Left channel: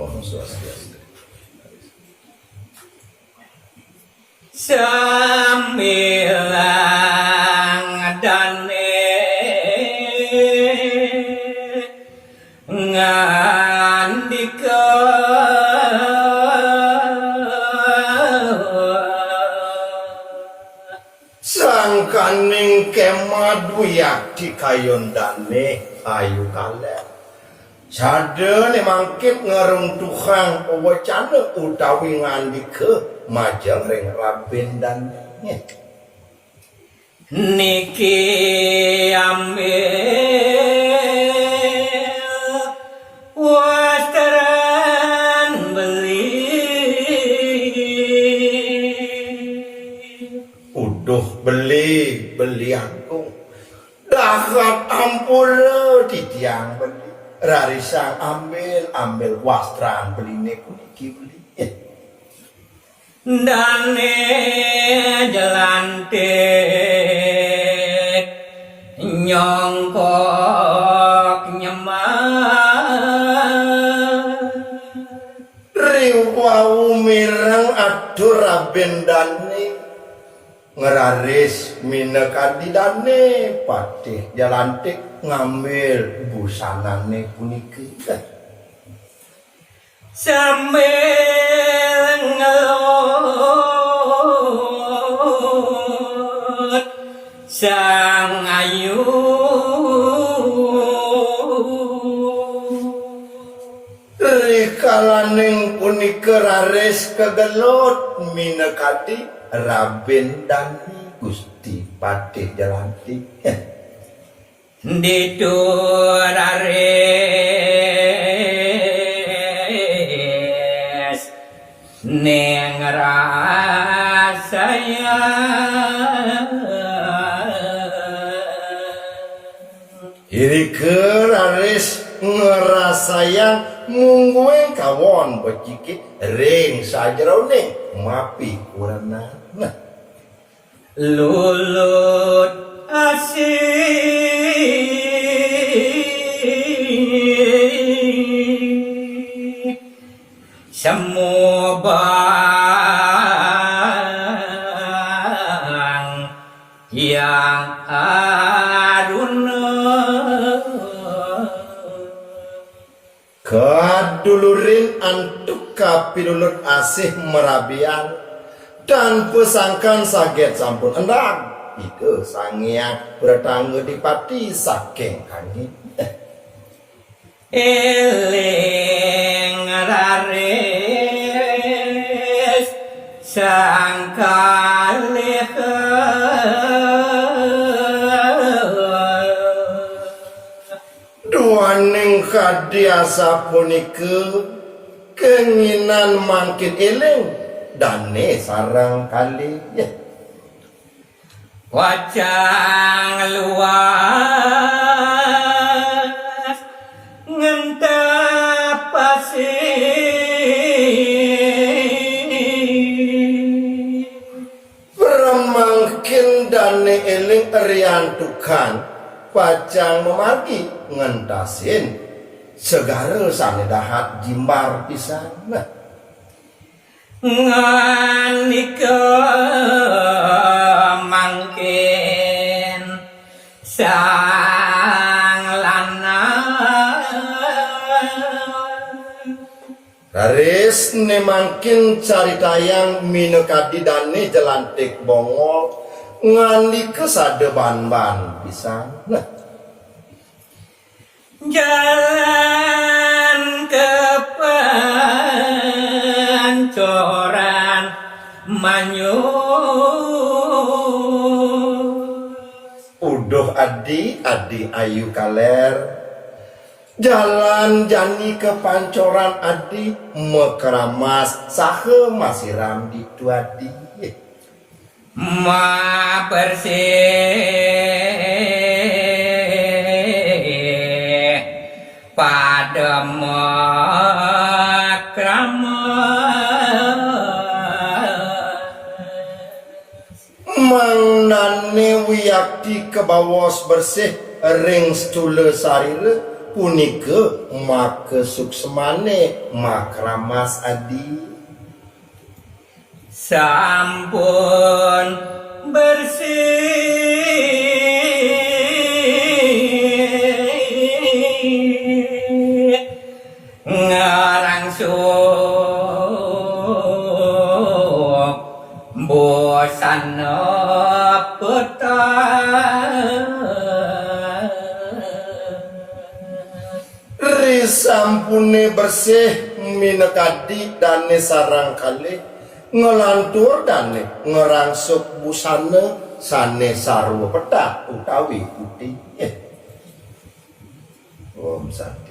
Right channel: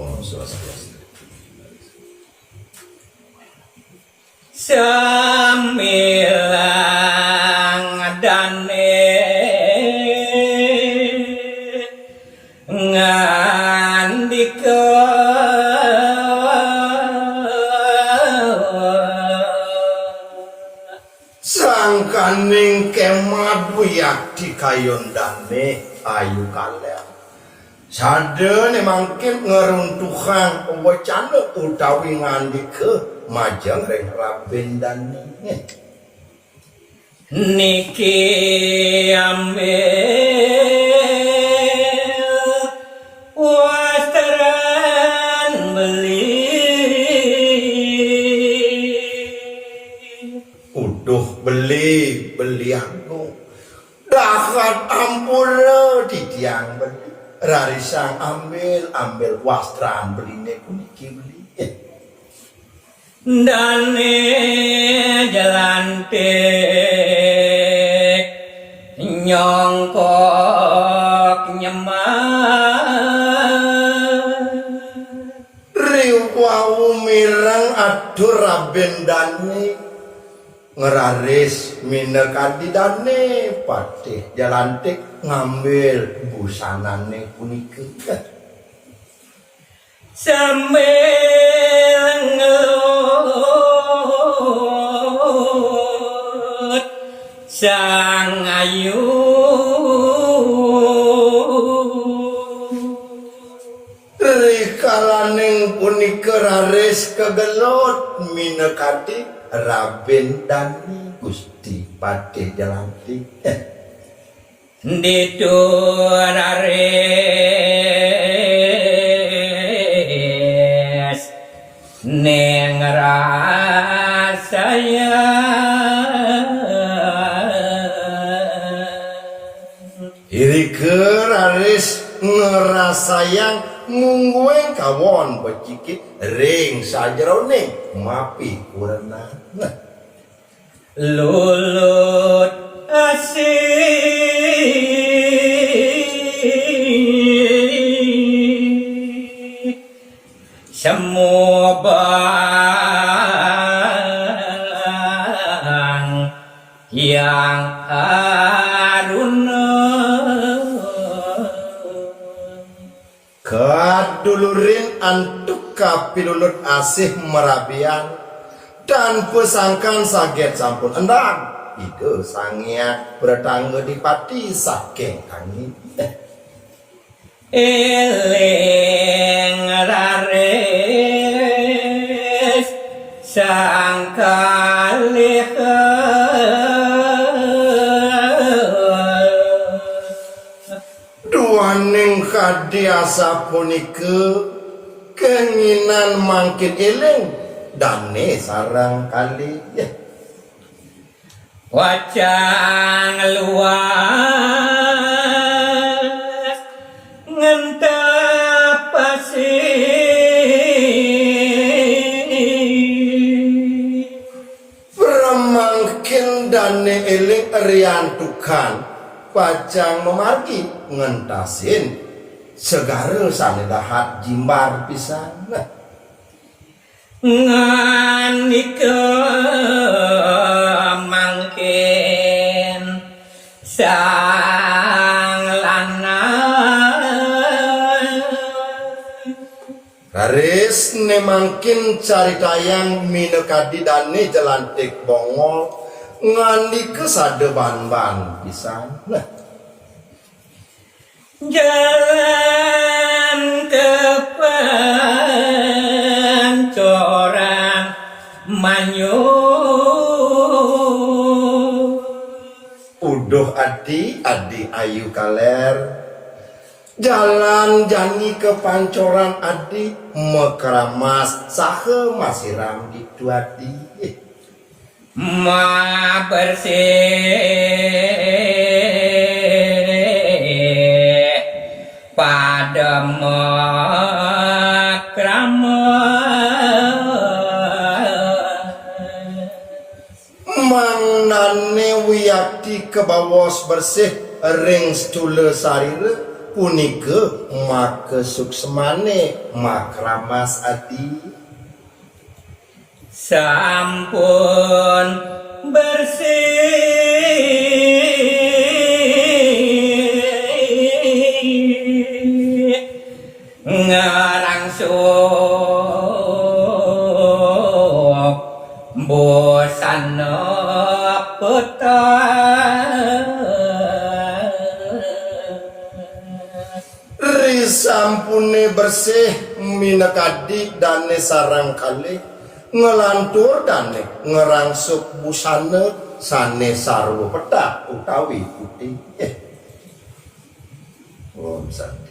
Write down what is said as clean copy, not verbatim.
Om Swastiastu. Samilang dane ngandika Sangkaning kemadu yakti kayondane ayu kaler. Sada ne mangkit ngeruntuhan wacana utawi ngandika majeng ring rabendane. niki ambil wasteran beli Uduh beli aku dahat ampura titiang beli rarisang ambil wastran beline kuniki beli dane jelantik nyongkok nyemat riwau mirang adur rabendane ngeraris minekadi dane patih jalantik ngambil busanane puniki sambil ngelut sang ayu rikalaning punika raris kegelut minekadi Raben Dani Gusti Patih Jalantik didurares neng rasaya iri keraris ngerasayang munggueng kawon becikit ring sajeroning mapi kurana lulut asih semua bang yang haruna kadulurin antuk kapilulut asih merabian dan pesangkan saget sampun endang itu sangnya bertangga di pati saking kangi eling rares sang kalih duaning kadiasa punika keinginan mangkin eling dane sarang kali wajang luas ngentap pasir beremangkin dane eling riantukan pacang memagi ngentasin segara sane dahat jimbar pisan nganika mangkin sang lanang garis ne mangkin caritayang minekadi dane jelantik bongol ngandika sadeban-ban pisan jalan ke pancoran manyus uduh adi ayu kaler jalan jani ke pancoran adi mekeramas sahe masiram gitu adi ma bersih pada mangnane wiyakti kebawos bersih ring stule sarire punike make suksemane makramas adi sampun bersih ngarangsuk bosan risampune bersih minekadi dane sarang kali ngelantur dane ngerangsuk busana sane sarwa petak utawi putih Om Santi